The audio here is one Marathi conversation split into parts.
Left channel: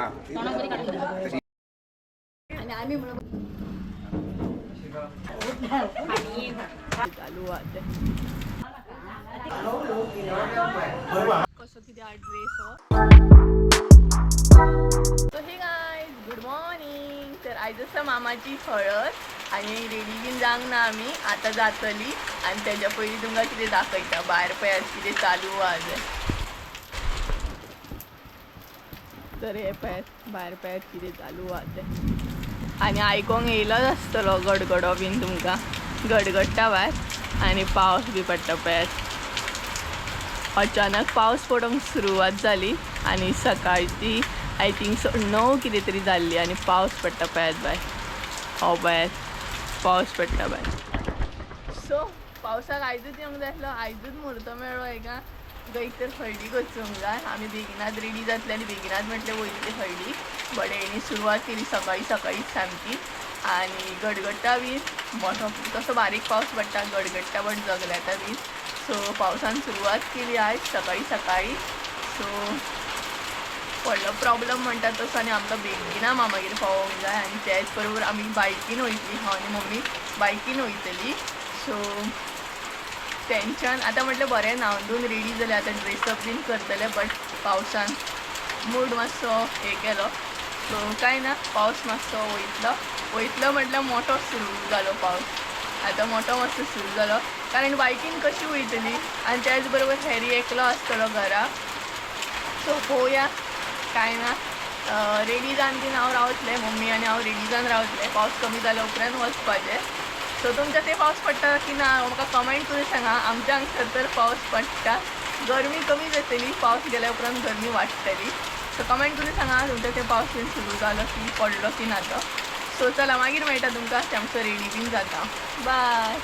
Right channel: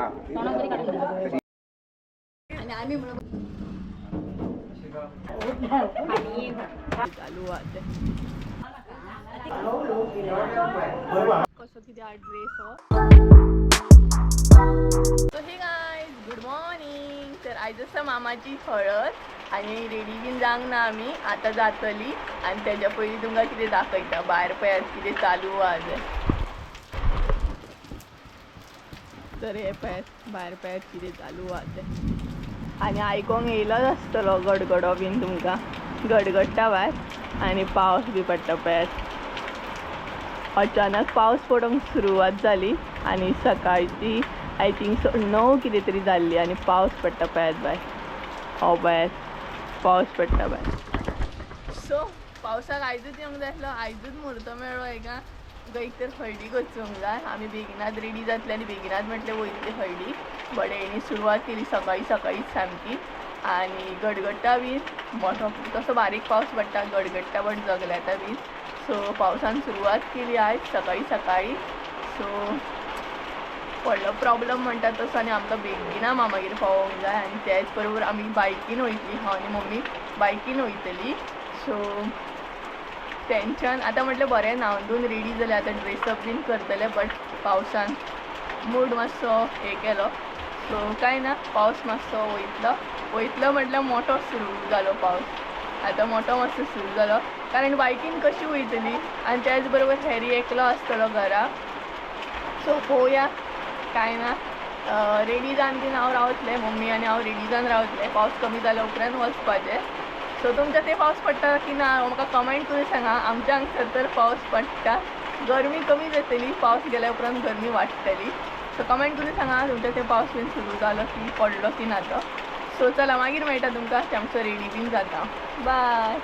आणि आम्ही चालू आहे कसं किती हा ड्रेस हो. सो हे गाईज गुड मॉर्निंग. तर आयज आसा मामाची हळद आणि रेडी बीन जावंक ना आमी आतां जातली आणि त्याच्या पयलीं तुमकां कितें दाखयता भायर पळय कितें चालू आहा. तर हे पळयात भायर पळयात कितें चालू आहा तें आनी आयकोंक येयलोच आसतलो गडगडो बीन तुमकां गडगडटा भायर आनी पावस बी पडटा पळयात. अचानक पावस पडोंक सुरवात जाली आनी सकाळची आय थिंक 9 कितें तरी जाल्ली आनी पावस पडटा पळयात भायर. हो पळयात पावस पडटा भायर. सो पावसाक आयजूच येवंक जाय आसलो आयजूच मुहूर्त मेळ्ळो हेका एक तर हळडीक वचूंक जाय. आमी बेगिनात रेडी जातले आनी बेगिनात म्हटलें वयतले हळडीक बट हेणी सुरवात केली सकाळी सकाळीच सामकी आनी गडगडटा बीन मोठो तसो बारीक पावस पडटा गडगडटा बट जगल्याता बीन. सो पावसान सुरवात केली आयज सकाळी सकाळी. सो व्हडलो प्रॉब्लम म्हणटा तसो आनी आमकां बेगिना मामागेर पावोंक जाय आनी त्याच बरोबर आमी बायकीन वयतली हांव आनी मम्मी बायकीन वयतली. सो टेंशन आतां म्हटलें बरें न्हांवन रेडी जालें आतां ड्रेसअप बीन करतलें बट पावसान मूड मातसो हे केलो. सो कांय ना पावस मातसो वयतलो म्हटल्यार मोठो सुरू जालो पावस आतां मोठो मातसो सुरू जालो कारण बायकीन कशी वयतली आनी त्याच बरोबर हॅरी एकलो आसतलो घरा. सो पळोवया कांय ना रेडी जावन बीन हांव रावतलें मम्मी आनी हांव रेडी जावन रावतलें पावस कमी जाल्या उपरांत वचपाचें. सो तुमच्या थंय पावस पडटा की ना म्हाका कमेंट करून सांगा. आमच्या हांगसर तर पावस पडटा गरमी कमी जातली पावस गेल्या उपरांत गरमी वाडटली. सो कमेंट करून सांगा तुमच्या थंय पावस बीन सुरू जालो की पडलो की ना तो. सो चला मागीर मेळटा तुमकां ते आमचो रेडी बीन जाता. Bye.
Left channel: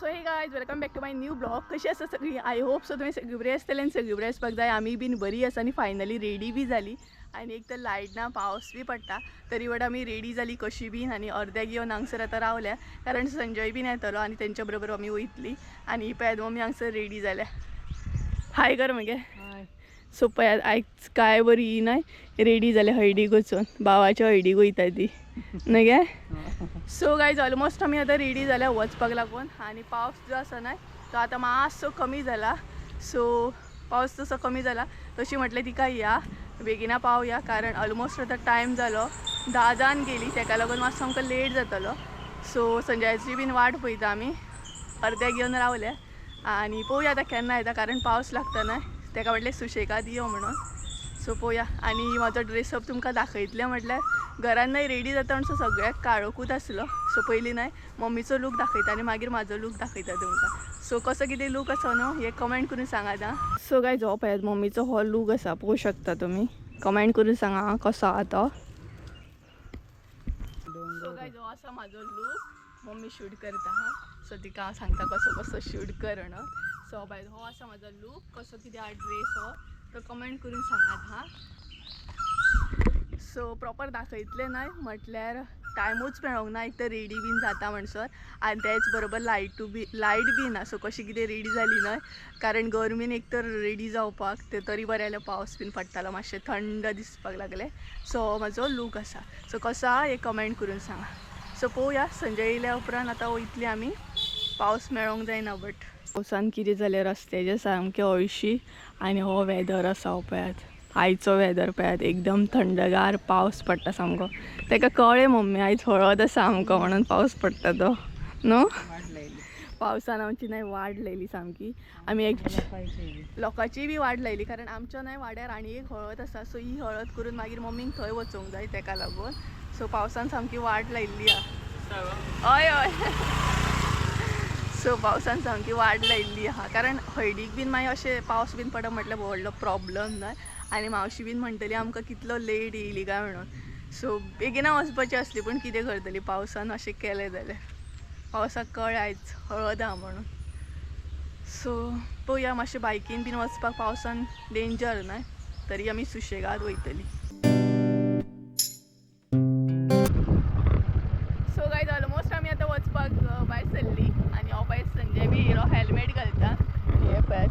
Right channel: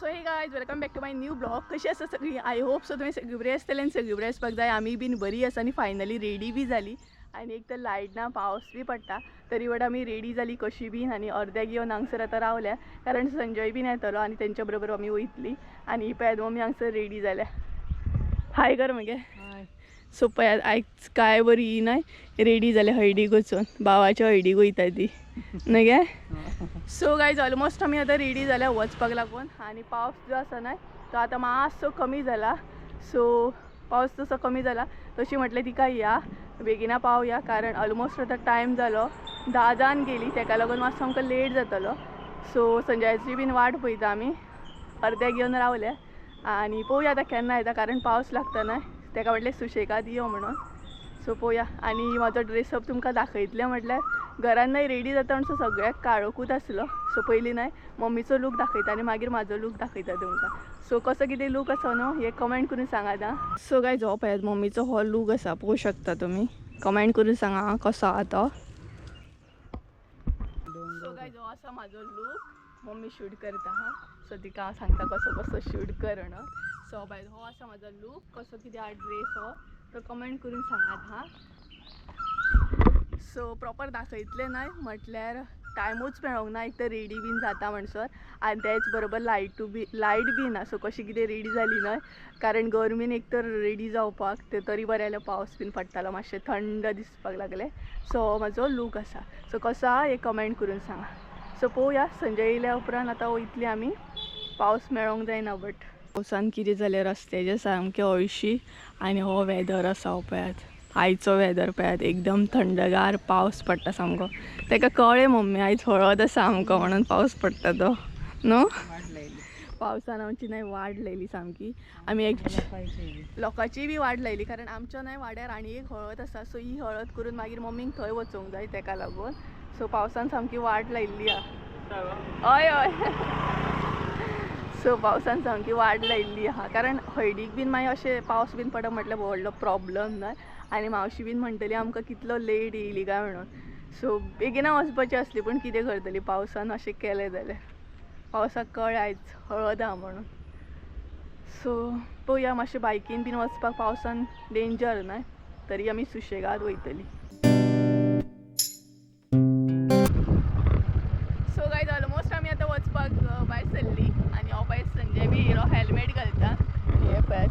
So hey guys welcome back to my new blog. कशी आसा सगळी आय होप सो तुमी सगळी बरी आसतली आनी सगळी बरी आसपाक जाय. आमी बीन बरी आसा आनी फायनली रेडी बी जाली आनी एक तर लायट ना पावस बी पडटा तरी बट आमी रेडी जाली कशी बीन आनी अर्द्याक येवन हांगसर आतां रावल्या कारण संजय बीन येतलो आनी तेंच्या बरोबर आमी वयतली आनी पळयात मम्मी हांगसर रेडी जाल्या. हाय कर मगे. सो पळयात आयज काय बरी न्हय रेडी जाल्या हळडीक वचून भावाच्या हळडीक वयता ती न्हय गे. सो गायज ऑलमोस्ट आमी आतां रेडी जाल्या वचपाक लागून आनी पावस जो आसा न्हय तो आतां मातसो कमी जाला. सो पावस जसो कमी जाला तशी म्हटलें तिका या बेगिना पावया कारण ऑलमोस्ट आतां टायम जालो 10 जावन गेली तेका लागून मातसो आमकां लेट जातलो. सो संजयाची बीन वाट पळयता आमी अर्द्याक येवन रावल्या आनी पळोवया आतां केन्ना येता कारण पावस लागता न्हय तेका म्हटलें सुशेगाद यो म्हणून. सो पळोवया आनी म्हाजो ड्रेसअप तुमकां दाखयतलें म्हटल्यार घरान न्हय रेडी जाता म्हणसो सगळ्याक काळोकूच आसलो. सो पयलीं न्हय मम्मीचो लूक दाखयता आनी मागीर म्हाजो लूक दाखयता तुमकां. सो कसो कितें लूक आसा न्हू हे कमेंट करून सांगात आं. सो गायज हो पळयात मम्मीचो हो लूक आसा पळोवंक शकता तुमी कमेंट करून सांगा आं कसो आहा तो. सो गायज हो आसा म्हाजो लूक मम्मी शूट करता हां. सो तिका हांव सांगता कसो कसो शूट कर म्हणून. सो बाय हो आसा म्हाजो लूक कसो कितें हा ड्रेस हो तो कमेंट करून सांगात हां. सो प्रॉपर दाखयतलें न्हय म्हटल्यार टायमूच मेळोंक ना एक तर रेडी बीन जाता म्हणसर आनी तेच बरोबर लायट बी ना. सो कशी कितें रेडी जाली न्हय कारण गरमेन एक तर रेडी जावपाक ते तरी बरें जाल्यार पावस बीन पडटालो मातशें थंड दिसपाक लागलें. सो हो म्हाजो लूक आसा. सो कसो आहा हे कमेंट करून सांगा. सो पळोवया संजय येयल्या उपरांत आतां वयतली आमी पावस मेळोंक जायना बट पावसान कितें जालें रस्त्याचें सामकें हळशी आनी हो वेदर आसा हो पळयात आयचो वेदर पळयात एकदम थंडगार पावस पडटा सामको. तेका कळ्ळें मम्मी आयज हळद आसा आमकां म्हणून पावस पडटा तो न्हू. पावसान आमची न्हय वाट लायली सामकी. आमी एक लोकांची बी वाट लायली कारण आमच्या न्हय वाड्यार आनी एक हळद आसा. सो ही हळद करून मागीर मम्मीक थंय वचूंक जाय तेका लागून. सो पावसान सामकी वाट लायिल्ली आहा. हय हय. सो पावसान सामकी वाट लायिल्ली आहा कारण हळडीक बीन मागीर अशें पावस बीन पडप म्हटल्यार व्हडलो प्रॉब्लम न्हय आनी मावशी बीन म्हणटली आमकां कितलो लेट येयली काय म्हणून. सो बेगिना वचपाची आसली पूण कितें करतली पावसान अशें केलें जाल्यार पावसाक कळ्ळें आयज हळद आहा म्हणून. सो पळोवया मातशें बायकीन बीन वचपाक पावसान डेंजर न्हय तरी आमी सुशेगाद वयतली. सो गायज ऑलमोस्ट आमी आतां वचपाक भायर सरली आनी हो पळय संजय बी हिरो हेल्मेट घालता. हे पळयात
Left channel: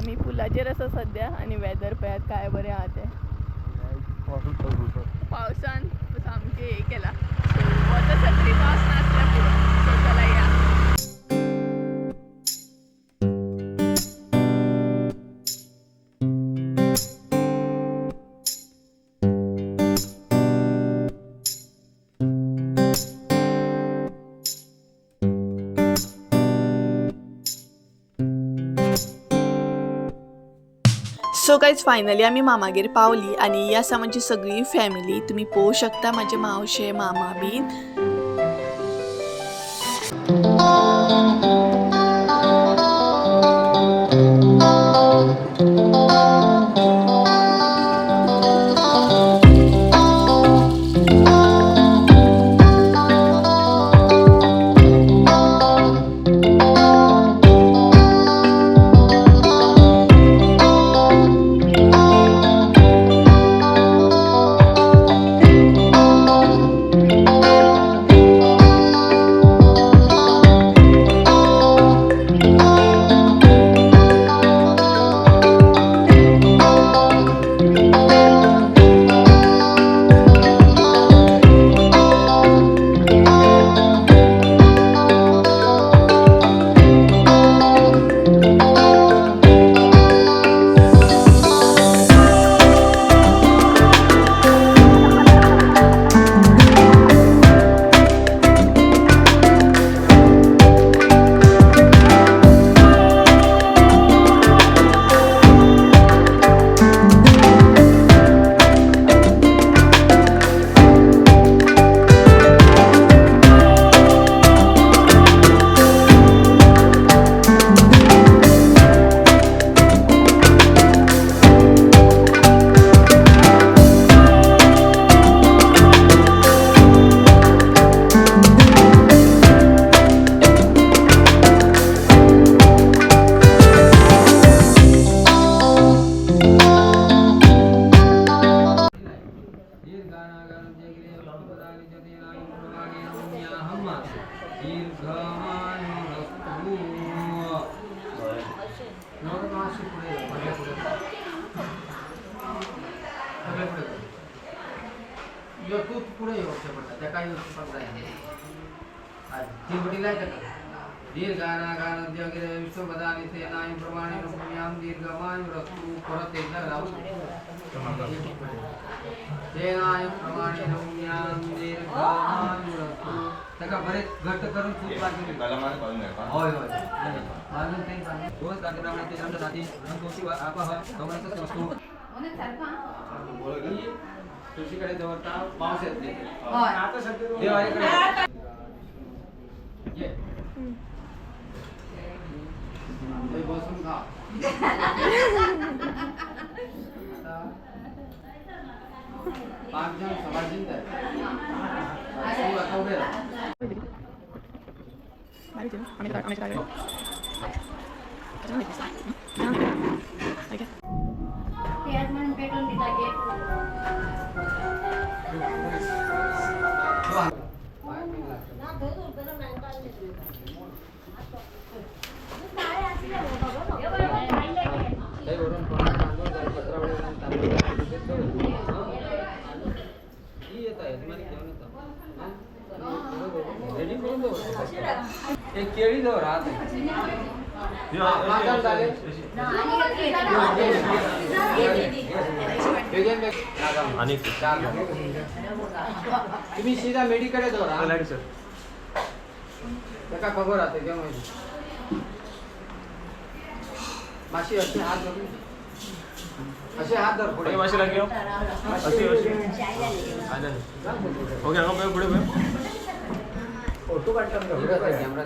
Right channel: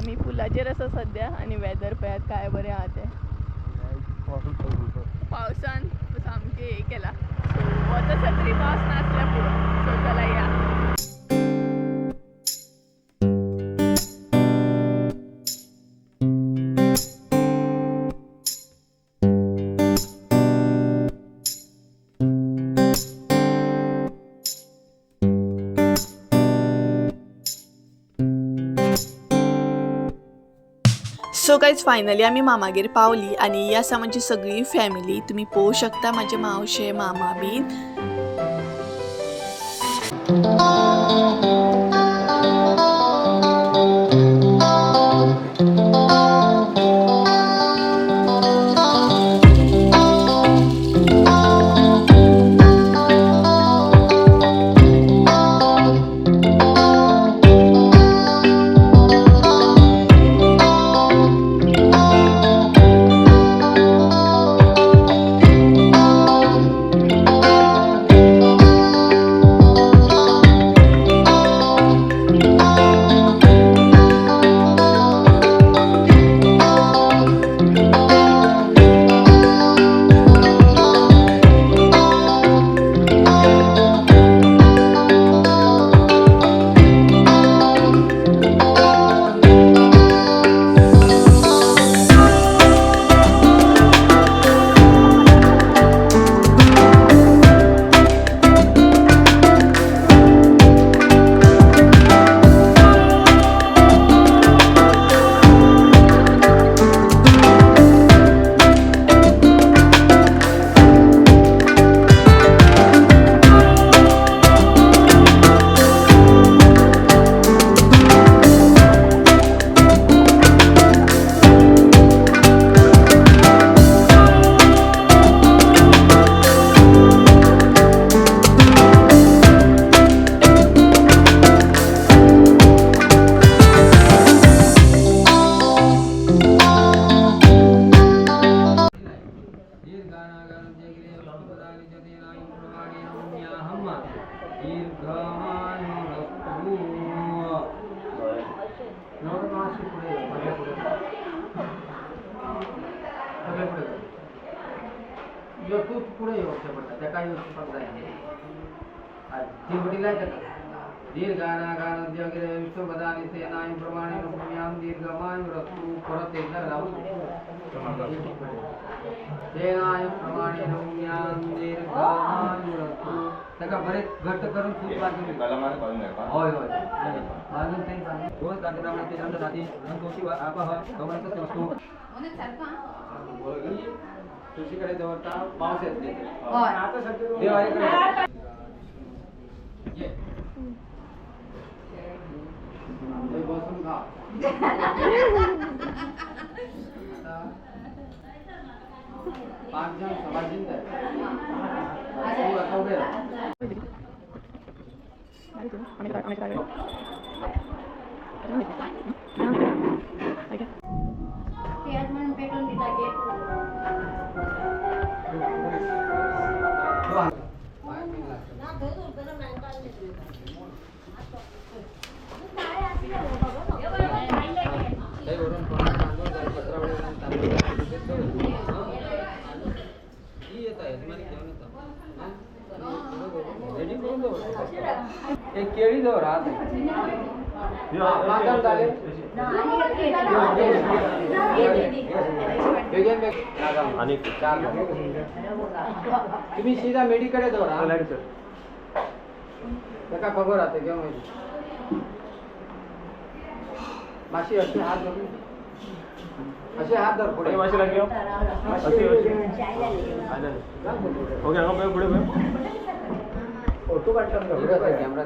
आमी पुलाचेर आसा सद्या आनी वेदर पळयात काय बरें आहा तें. पावसान सामके हे केला सो वता तरी पावस नासल्या पुरो सो चला या सो गायज फायनली आम्ही मामागेर पावली आणि ही आसा माझी सगळी फॅमिली. तुम्ही पळोवंक शकता माझे मावशे मामा बीन. बरेच घट्ट करून खूप होय होय तुळशीकडे जवळता पाऊस येत नाही बसून खा पाच जण सभाजिंत उभे राहा एक केळी जवळ राहत तुम्ही सीधा मेडिकडे जाऊ त्याका खबर राहते किंवा माहिती माशी असे हात धरून असे हात धर पुढे माशी लागली ओके पुढे फोटो काढला कॅमेरा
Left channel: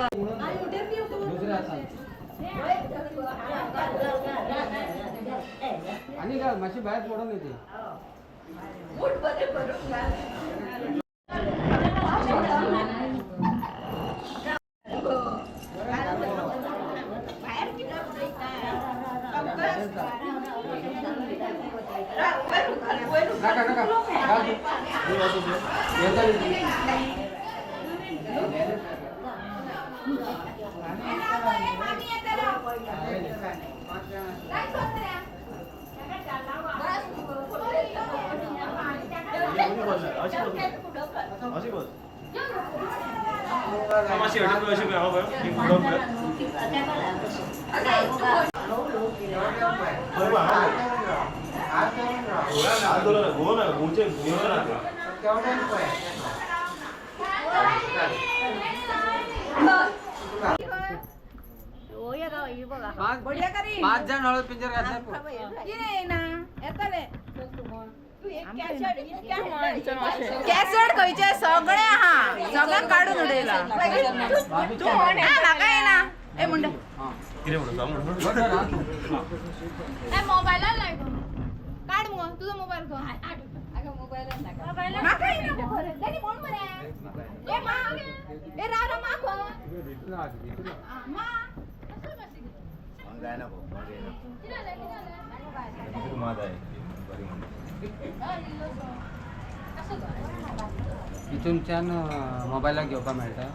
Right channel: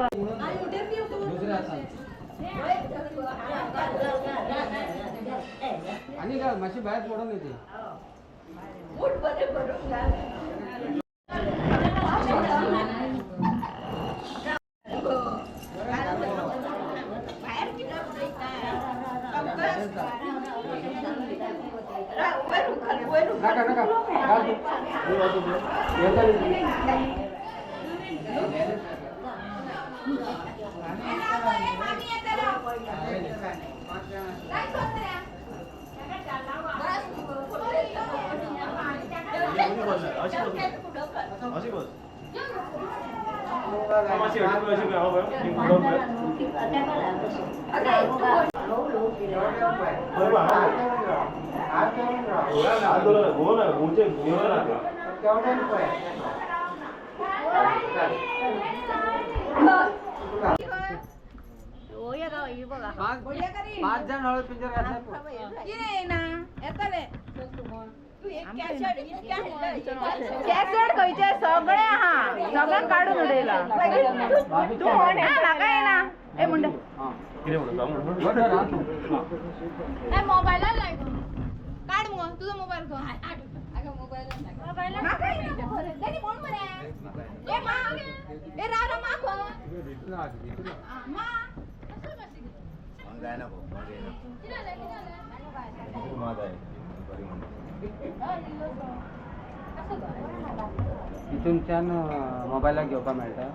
दुसऱ्या हातात आणि का माशी बाहेर पडून येते नका नका घाल तू. येता पाच जण हळद पिंजर घातलाय कॅसेट खंयचे सगळे हा सगळ्यांक काढून उडयला म्हाका येना ए मुंडे मोबाईलला लाय काढ मग तुझा मोबाईल घे म्हाका येना दादी कोण बरे ए मा ए रारा मा कोण मा गायना भाऊ इथूनच्यान मोबायलाक घेवपाक मेळटा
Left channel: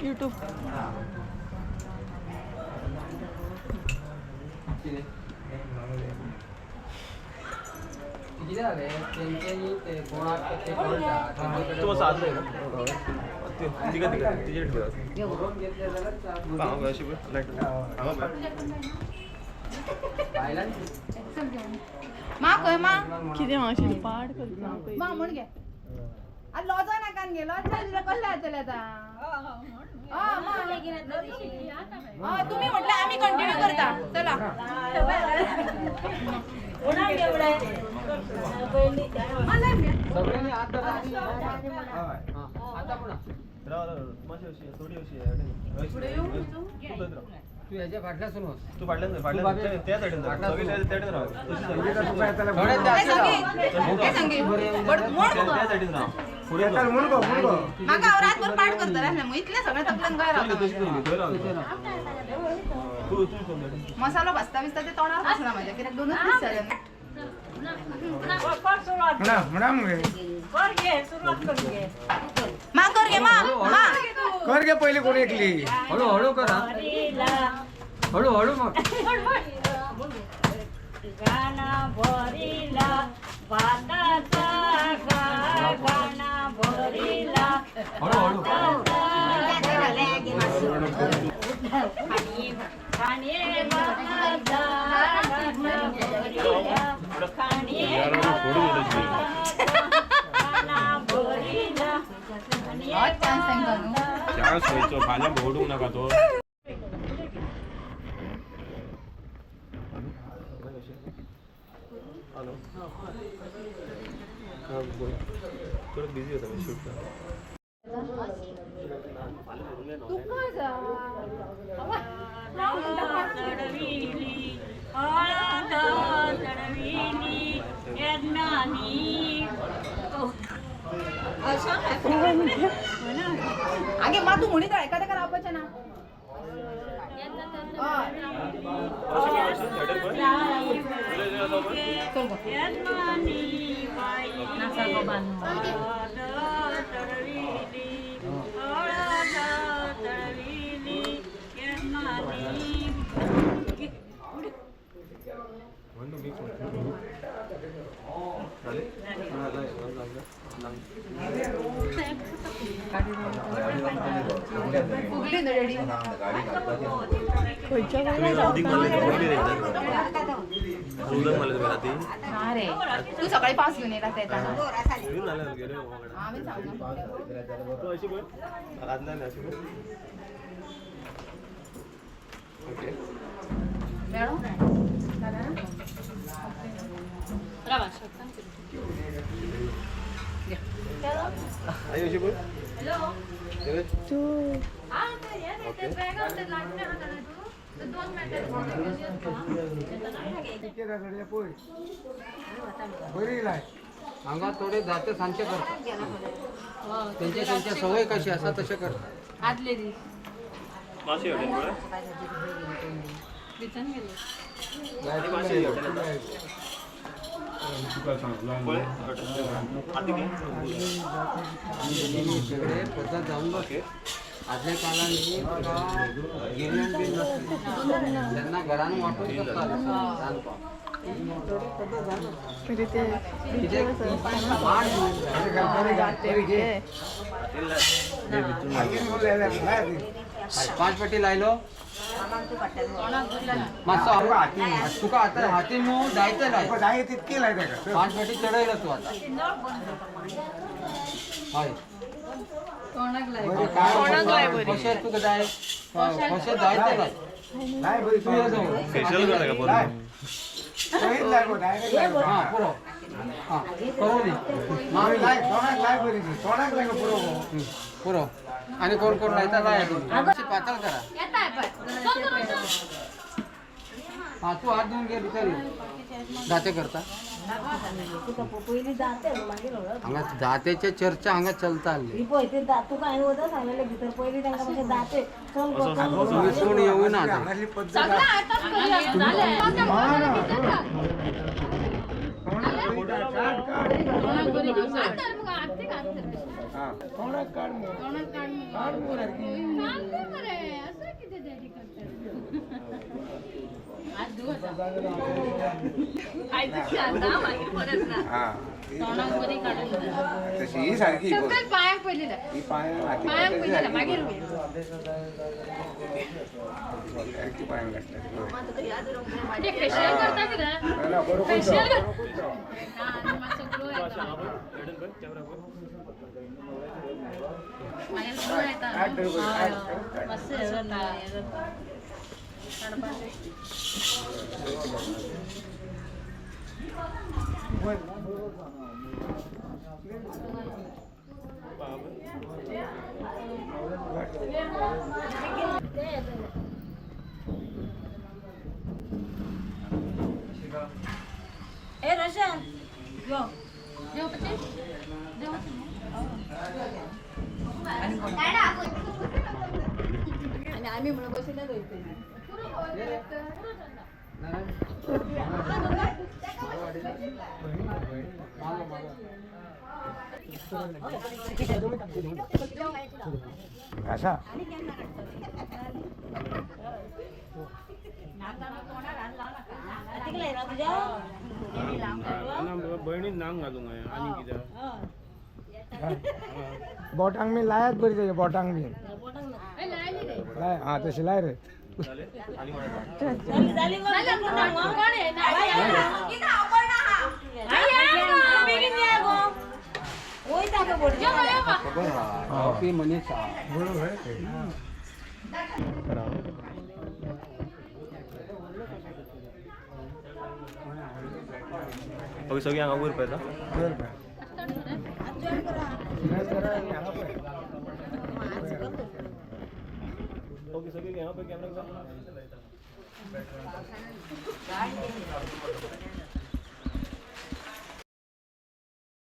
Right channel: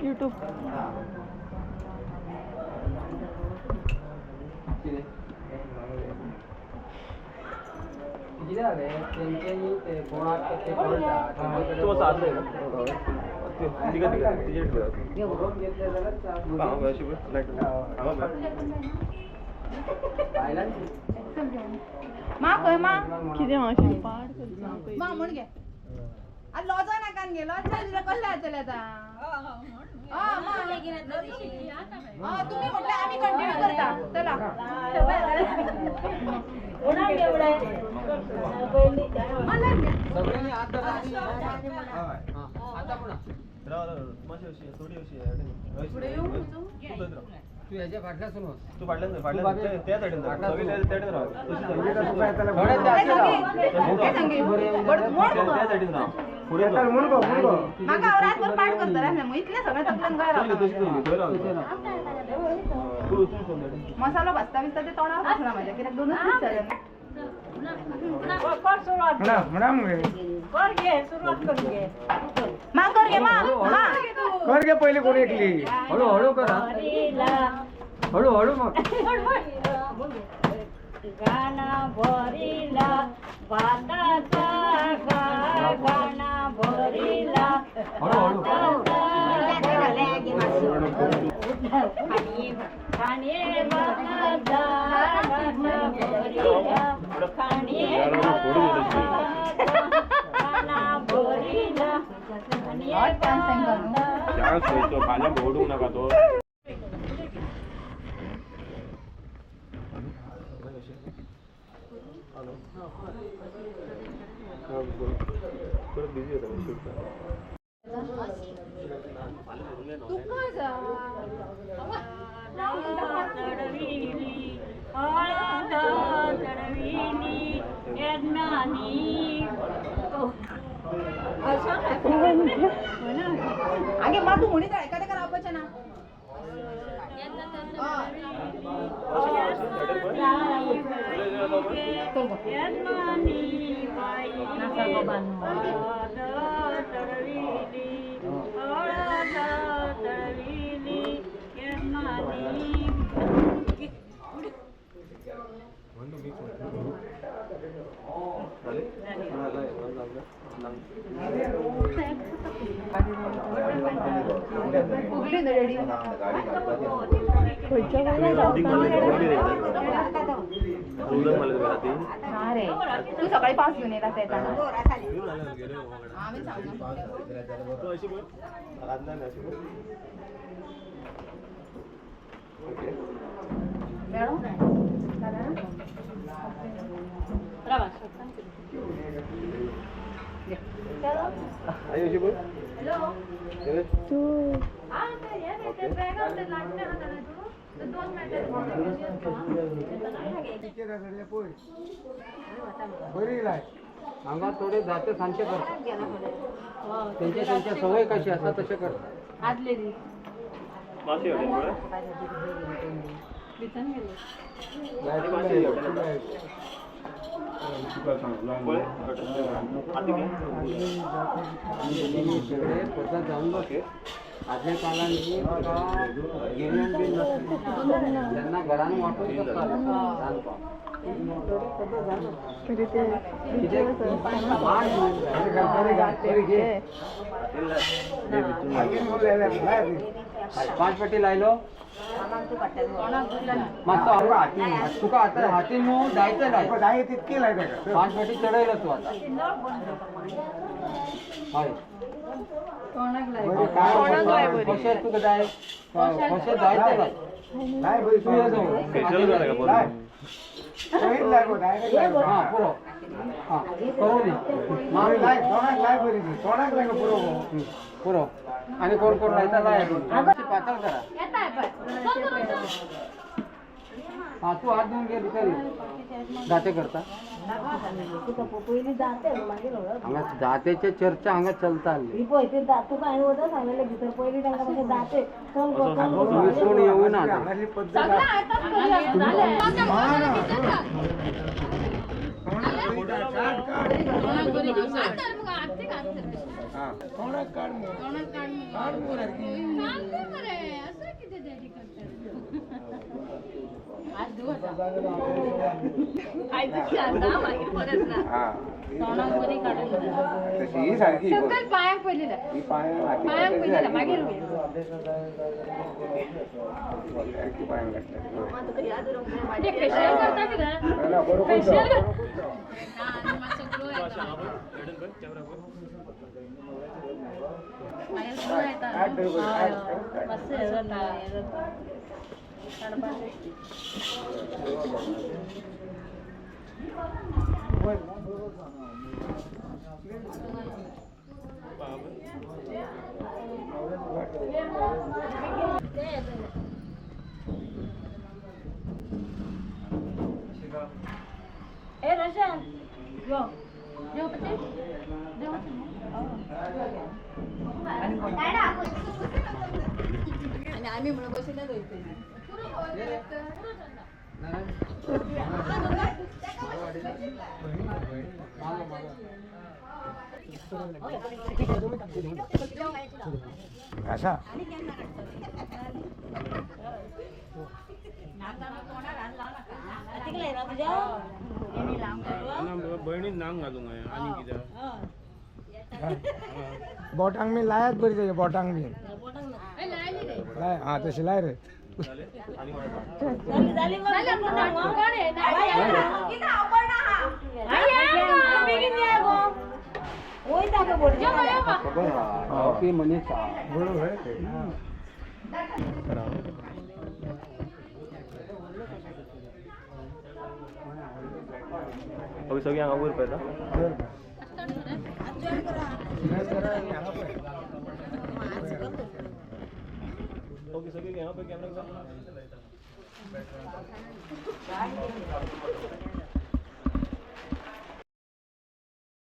यूट्यूब किती झाले त्यांच्यानी ते कोणाक ते करता तो साधले तिघ तिचे करून घेतले जाल्यार मा खंय मा कितें मावशी पाड करता मा म्हण गे आज लॉजा नाकान गे लॉज तुला कसले जातले आता तुम्ही म्हटलं आम्ही कंटिन्यू करता चला सगळ्यांनी हात धरा. आता पुन्हा थोडी अशी तू ह्याच्या फाटल्यासून होस तू फाटल्यान त्या साईडीन त्या साईडीन राहा पुढे माका रातभर पाठ करता राहिल्या मग इतले सगळे तकल्यान काय मसालो भाजता बिजता ते तोंडार बसना माझ्या कित्याक दोनच दीस जाले मा कर गे मा कर गे पहिले कोण एकली हळूहळू करा हळूहळू मग गाना भरिला भाताचा गाना भरिला हळूहळू खाणे भाताचा गाना भरिला खाणे गाना भरिला त्या सोयीचो फाल्यां भोवडूंक नाका तो परत बिझी होता मी शूट तू काय जा चढविली हळद चढविली यज्ञानी आगे मा तू म्हणीत आहे एखाद्या करा अपचना यज्ञानी बाई हळद चढविली हळद चढविली यज्ञानी फुगली ना रेडी अरे तू सकाळी पास घेऊन येला ते आम्ही सांगणार आई अशी बोल हांगा थोडे जाते सांचे करतात त्यांच्या सवय कशी असा तसे करतात आदले दीस मासे हॉटेल पुढे दिसन गेले मासे हॉटेल पुढे सगळे पद्धत जाऊन बघे आदल्या काळाने गिरण बिन नसते त्यांना घरानं वाटून करतात पाच पट्टी लायलो मास्तर तुका आता हाती मग जायचं नाही तितकी लायता का पाच पट्टी चढायला तू आता हय कशें तुका जाय कशें जायते लाय बरी तू ये जाऊ फेशियल करता का लाय बोलून सहीत लाय गो डायरेक्ट लाय हा पुरो हा करू दी मामी लाय तोंडाक लाय बरी ती तोंडाक लाय गो पुरो पुरो आणि कोण कोण लायता लाय पातळ करा हा तू हात धुवून घे भितर जाते करता हांगा जातेचे चर्चा हांगा चलता आली सोड येऊ ना आता. हांगातली पद्धत हा तोंडाक काढ मग काढ मग हा तशी ही सारखी पायाक पडलेलं ही पायाक पडलेलं मागीर सारखी पायाक घातल्या फेशियल करता कितें बरोबर फेशियल ए रोशन यो आणि आम्ही म्हणून बसूनच होते असा तिकडे ना तुझ्या बहिणीत नांग घालूंक आहे आणि कितें बोटांग मी लायात बरी त्याच्या बोटांग मी लाय हा तशी लाय रे झाली मनीष बरोबर सगळी हांगा वयर पळयता ओके सगळी हांगा पळय कॅमेरा